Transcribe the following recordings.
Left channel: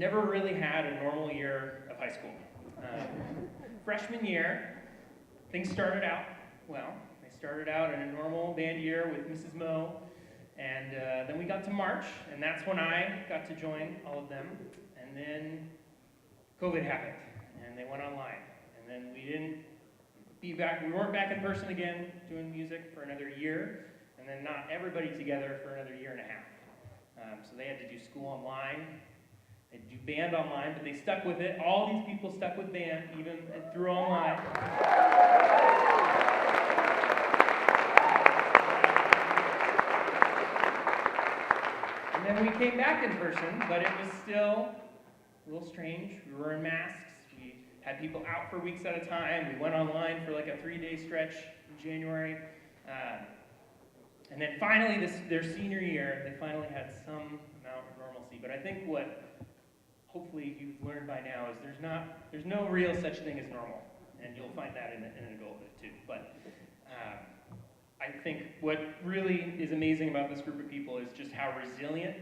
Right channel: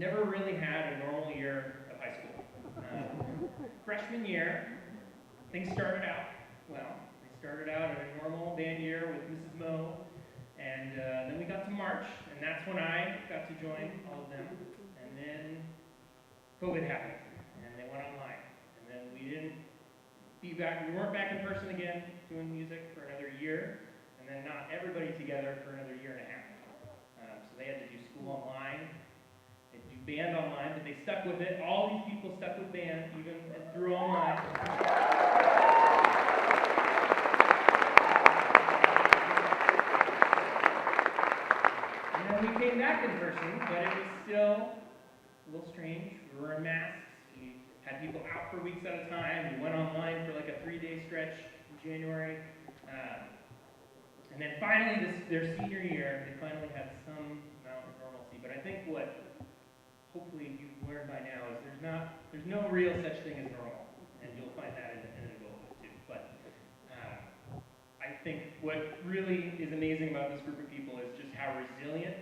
never really had a normal year of high school. Freshman year, things started out well. They started out in a normal band year with Mrs. Moe, and then we got to March, and that's when I got to join all of them. And then COVID happened, and they went online. And then we weren't back in person again doing music for another year, and then not everybody together for another year and a half. So they had to do school online, they do band online, but they stuck with it. All these people stuck with band, even through online. And then we came back in person, but it was still a little strange. We were in masks. We had people out for weeks at a time. We went online for like a 3-day stretch in January. And then finally, their senior year, they finally had some amount of normalcy. But I think what hopefully you've learned by now is there's no real such thing as normal. And you'll find that in adulthood too. But I think what really is amazing about this group of people is just how resilient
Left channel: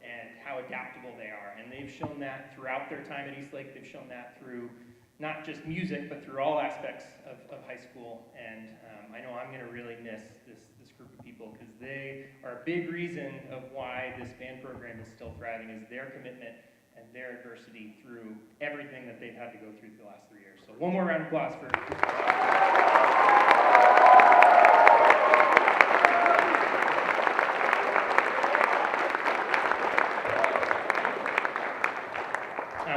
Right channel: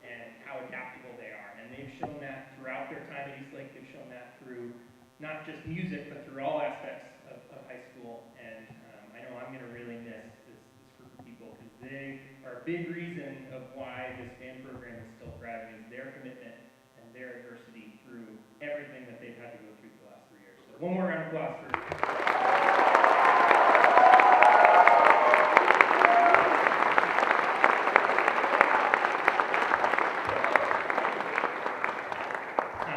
and how adaptable they are. And they've shown that throughout their time at Eastlake. They've shown that through not just music, but through all aspects of high school. And I know I'm going to really miss this group of people because they are a big reason of why this band program is still thriving, is their commitment and their adversity through everything that they've had to go through the last 3 years. So one more round of applause for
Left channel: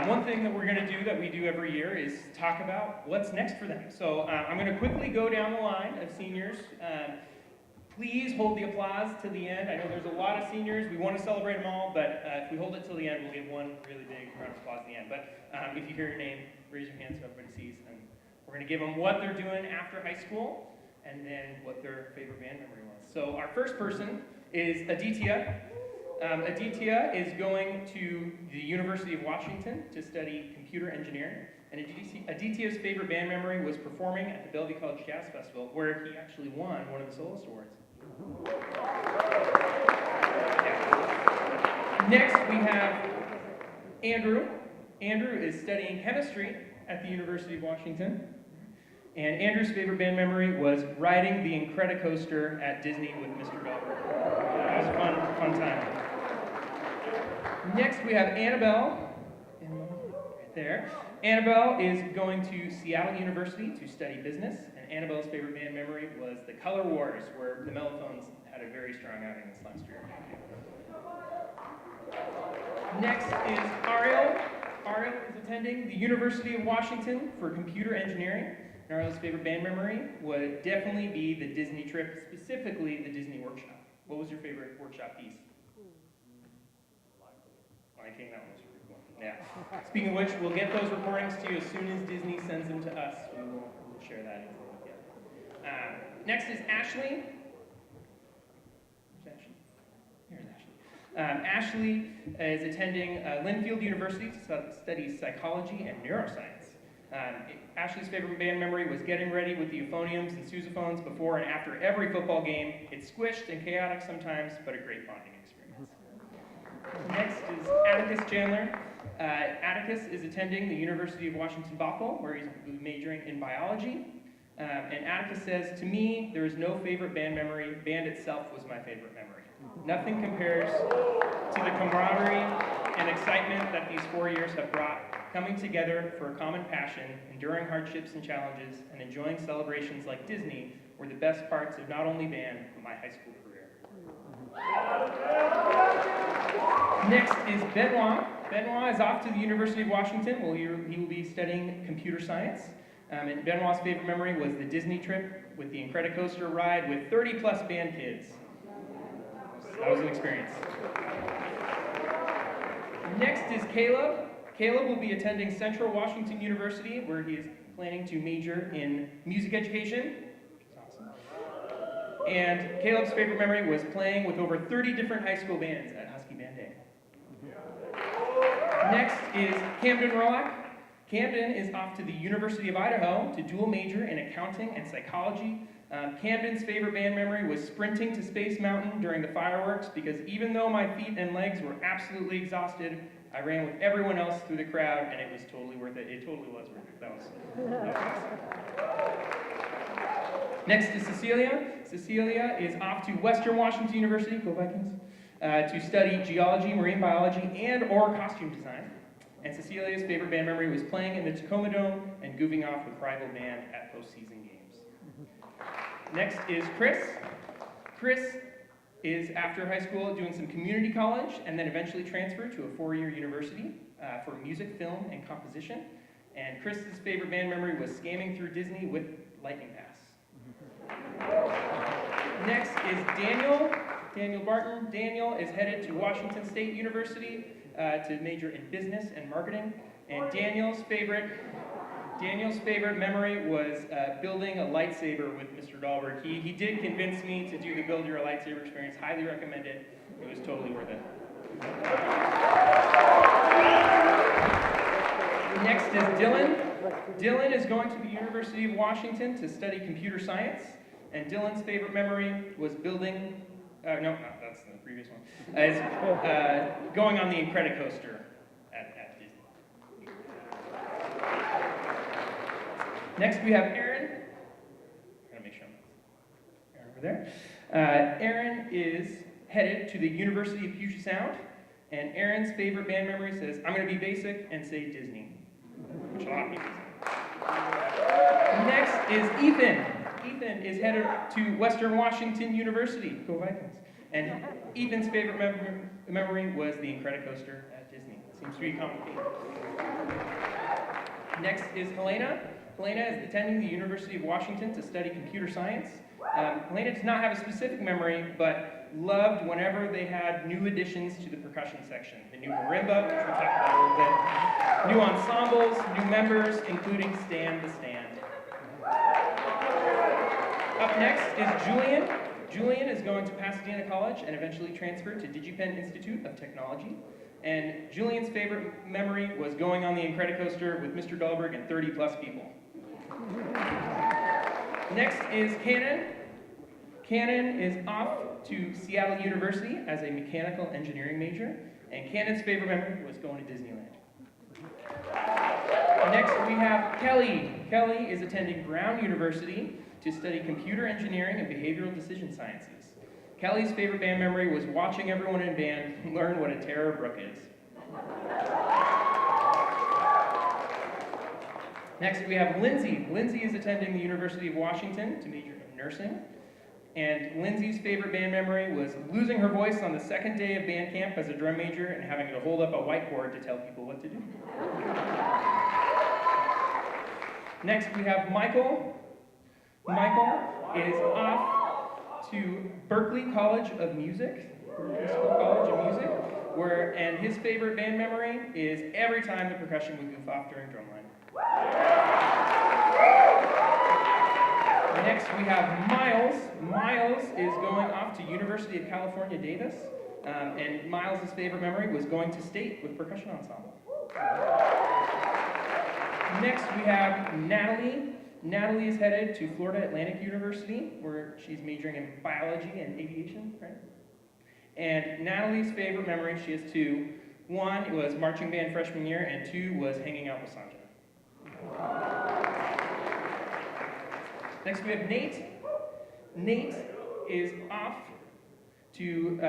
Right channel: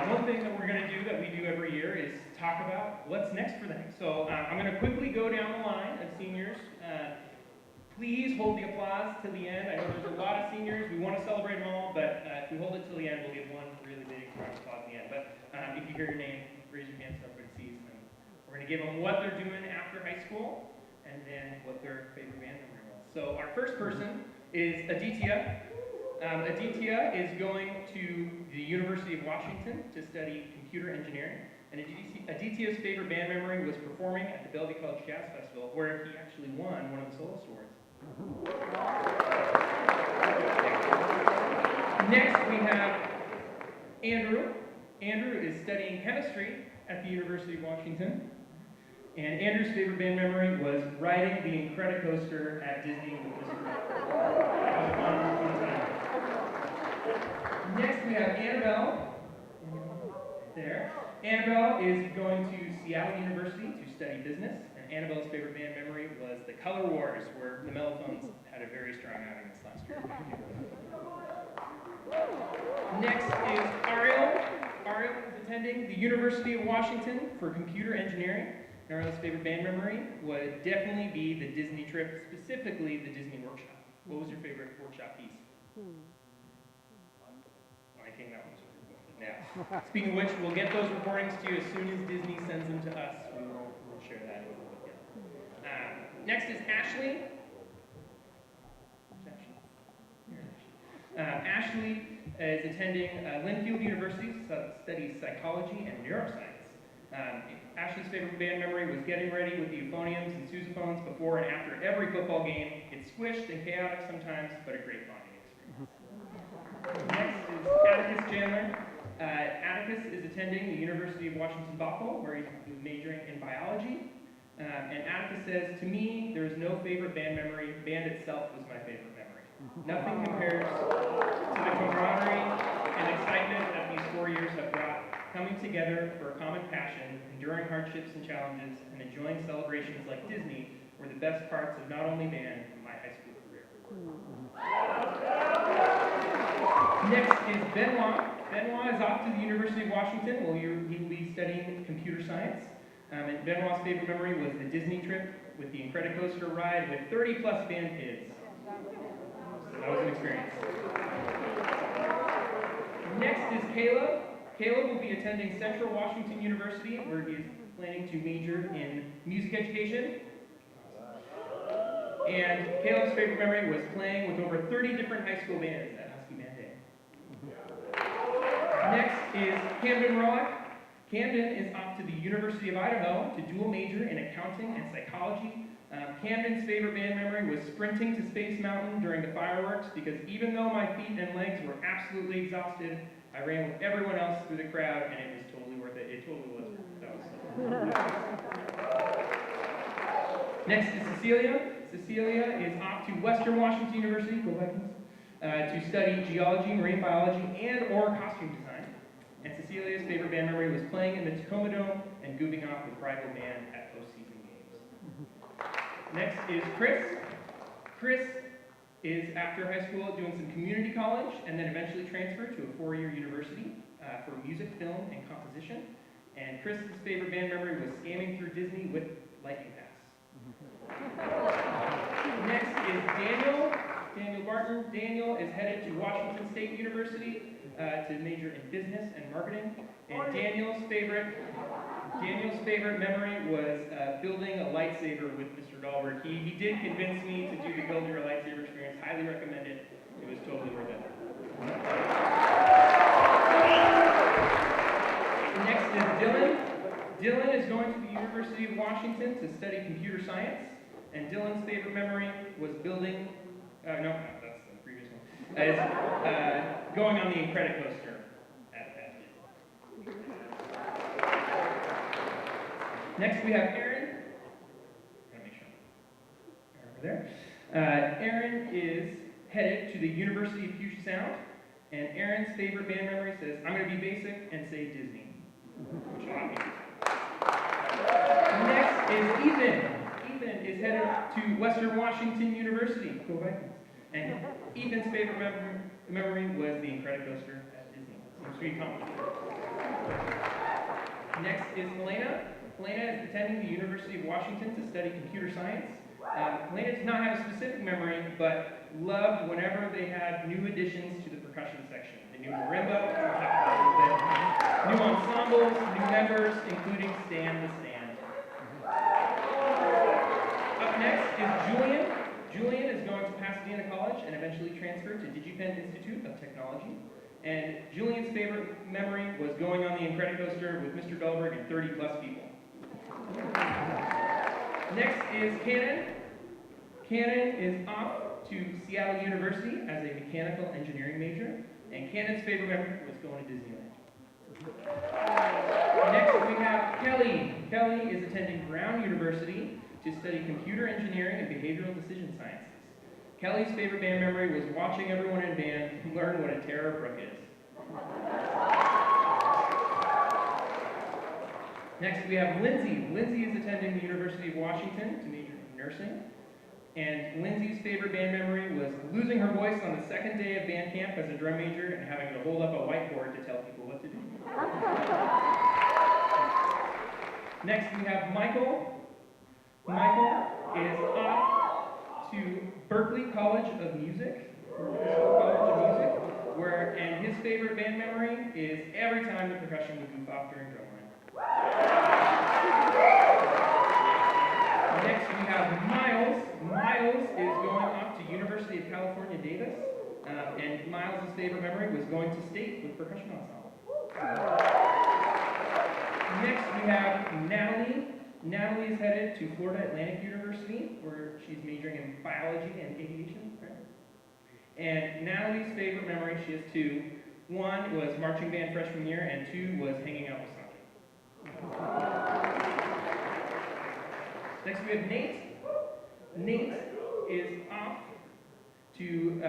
one thing that we're going to do that we do every year is talk about what's next for them. So I'm going to quickly go down the line of seniors. Please hold the applause to the end. I know there's a lot of seniors. We want to celebrate them all, but if we hold it till the end, we'll give one really big round of applause at the end. But if you hear your name, raise your hand so everybody sees. And we're going to give them what they're doing after high school, and then what their favorite band memory was. So our first person is Aditya. Aditya is going to the University of Washington to study computer engineering. And Aditya's favorite band memory was performing at the Bellevue College Jazz Festival, where he actually won one of the Soloist Awards. Next, we have Andrew. Andrew is studying chemistry at the University of Washington. And Andrew's favorite band memory was riding the Incredicoaster at Disney with Mr. Green. That was a fun time. Next, we have Annabelle. Right there. Annabelle is going to Seattle University to study business. Annabelle's favorite band memory was the Color Wars, where the Mellophones had a very strong outing this last year. Next is Ariel. Ariel is attending the University of Washington for computer engineering. Ariel's favorite band memory would definitely be the Disney trip, specifically the Disney workshop. What was your favorite workshop piece? Lion King, that one was pretty cool. Yeah. Speaking of which, we'll get those recordings to you as soon as Disney sends them to us. We'll share that in a little bit. Next is Ashley. Ashley is attending Linfield University to study psychology and neuroscience. Ashley's favorite band memory was getting ready with the euphoniums and sousaphones before and after every football game. It's squished and chaotic sometimes, but a great bonding experience. Next is Atticus Chandler. Atticus is attending the University of Washington Bothell, where he's majoring in biology. And Atticus says, to me, there is no favorite band memory. Band itself was my favorite memory. Nothing compares to the camaraderie and excitement that these 4 years have brought, coming together for a common passion, enduring hardships and challenges, and enjoying celebrations like Disney were the best parts of not only band, but my high school career. Next is Benoit. Benoit is off to the University of Washington, where he will be studying computer science. And Benoit's favorite memory was the Disney trip with the Incredicoaster ride with 30-plus band kids. That was an experience. Next is Caleb. Caleb will be attending Central Washington University, where he is planning to major in music education. And Caleb's favorite memory was playing with over 30 different high school bands at Husky Band Day. Next is Camden Rowak. Camden is off to the University of Idaho to dual major in accounting and psychology. Camden's favorite band memory was sprinting to Space Mountain during the fireworks because even though my feet and legs were absolutely exhausted, I ran with everyone else through the crowd, and it was totally worth it. It totally was worth it. That was Next is Cecilia. Cecilia is off to Western Washington University, go Vikings, to study geology, marine biology, and/or costume design. And Cecilia's favorite band memory was playing in the Tacoma Dome and goofing off with rival band at postseason games. Next is Chris. Chris is, after high school, doing some community college and then eventually transferred to a 4-year university for music, film, and composition. And Chris's favorite band memory was scamming through Disney with Lightning Pass. Next is Daniel Barton. Daniel is headed to Washington State University to major in business and marketing. And Daniel's favorite memory was building a lightsaber with Mr. Dahlberg. He did convince me to do the Build Your Lightsaber experience. Highly recommend it. It was totally worth it. Next is Dylan. Dylan is going to the University of Washington to study computer science. And Dylan's favorite memory was building, that's the previous one, is going on the Incredicoaster at Disney. Next we have Aaron. I gotta make sure I'm over there. Aaron is headed to the University of Puget Sound, and Aaron's favorite band memory says, I'm gonna be basic and say Disney. Which a lot of people say. Next is Ethan. Ethan is headed to Western Washington University, go Vikings. And Ethan's favorite memory was the Incredicoaster at Disney. Seems to be complicated. Next is Helena. Helena is attending the University of Washington to study computer science. Helena does not have a specific memory, but loved whenever they had new additions to the percussion section. The new marimba, which we'll talk about a little bit, new ensembles, new members, including Stan the Stand. Up next is Julian. Julian is going to Pasadena College and eventually transfer to DigiPen Institute of Technology. And Julian's favorite memory was going on the Incredicoaster with Mr. Dahlberg and 30 plus people. Next is Cannon. Cannon is off to Seattle University as a mechanical engineering major. And Cannon's favorite memory was going to Disneyland. Next we have Kelly. Kelly is attending Brown University to study computer engineering and behavioral decision sciences. Kelly's favorite band memory was watching everyone in band learn what a Terror Brook is. Next we have Lindsay. Lindsay is attending the University of Washington to major in nursing. And Lindsay's favorite band memory was losing her voice on the second day of band camp as a drum major and having to hold up a whiteboard to tell people what to do. Next we have Michael. Michael is off to Berklee College of Music, and his favorite band memory is every time the percussion would goof off during drumline. Next we have Miles. Miles is going off to University of California, Davis, and Miles' favorite memory was going to state with percussion ensemble. Next we have Natalie. Natalie is headed to Florida Atlantic University, where she's majoring in biology and aviation, right? And Natalie's favorite memory, she has two. One was marching band freshman year, and two was hanging out with Santa. Next we have Nate. Nate is off to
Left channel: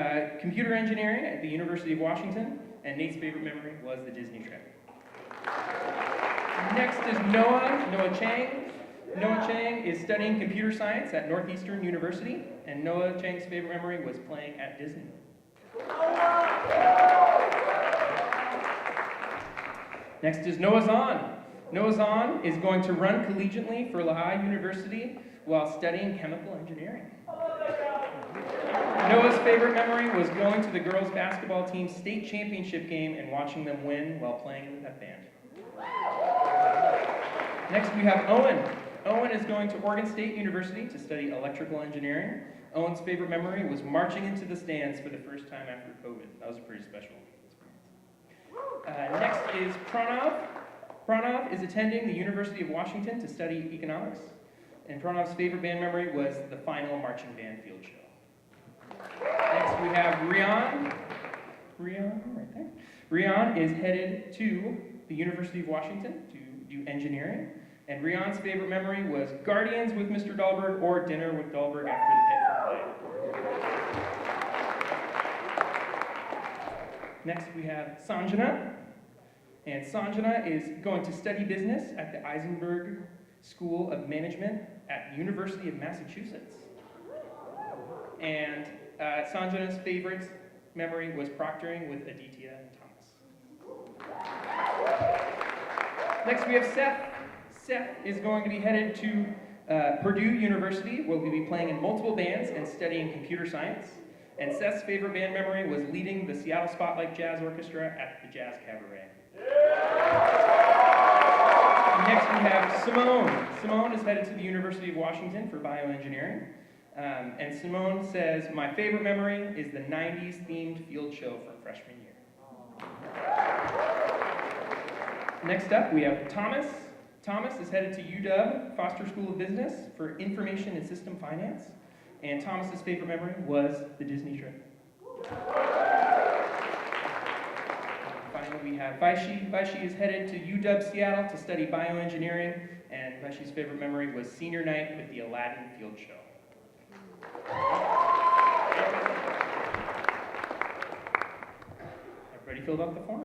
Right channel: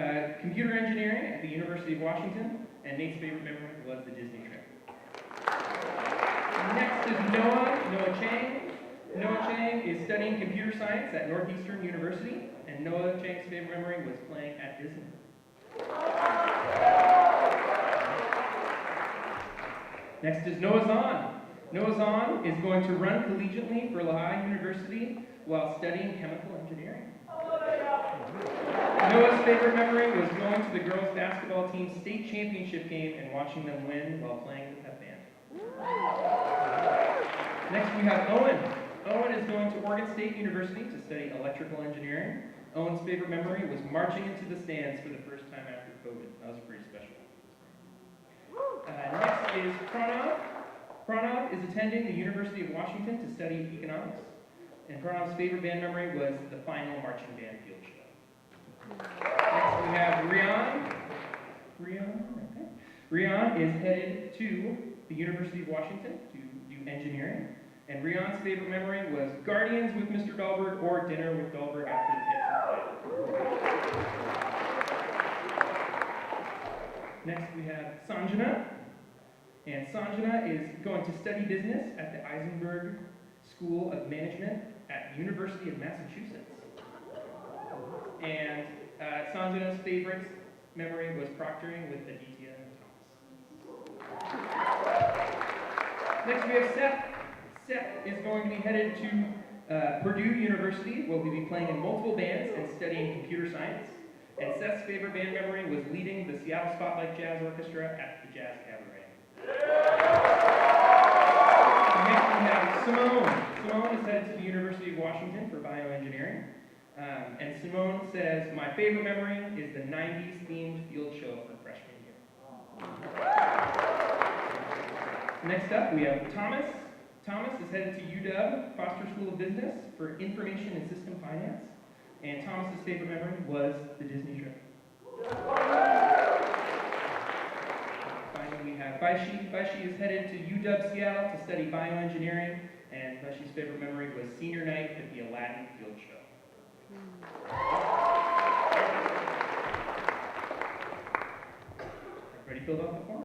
computer engineering at the University of Washington, and Nate's favorite memory was the Disney trip. Next is Noah Chang. Noah Chang is studying computer science at Northeastern University, and Noah Chang's favorite memory was playing at Disney. Next is Noah Zahn. Noah Zahn is going to run collegiately for Lehigh University while studying chemical engineering. Noah's favorite memory was going to the girls' basketball team's state championship game and watching them win while playing in the pep band. Next we have Owen. Owen is going to Oregon State University to study electrical engineering. Owen's favorite memory was marching into the stands for the first time after COVID. That was a pretty special experience. Next is Pranav. Pranav is attending the University of Washington to study economics. And Pranav's favorite band memory was the final marching band field show. Next we have Rian. Rian, right there. Rion is headed to the University of Washington to do engineering. And Rion's favorite memory was Guardians with Mr. Dahlberg or dinner with Dahlberg after the pit played. Next we have Sanjana. And Sanjana is going to study business at the Eisenberg School of Management at the University of Massachusetts. And Sanjana's favorite memory was proctoring with Aditya and Thomas. Next we have Seth. Seth is going to be headed to Purdue University, where he'll be playing in multiple bands and studying computer science. And Seth's favorite band memory was leading the Seattle Spotlight Jazz Orchestra at the Jazz Cabaret. Next we have Simone. Simone is headed to the University of Washington for bioengineering. And Simone says, my favorite memory is the 90s themed field show from freshman year. Next up, we have Thomas. Thomas is headed to UW Foster School of Business for Information and System Finance. And Thomas's favorite memory was the Disney trip. Finally, we have Vaishi. Vaishi is headed to UW Seattle to study bioengineering. And Vaishi's favorite memory was senior night at the Aladdin Field Show. Everybody filled out the form?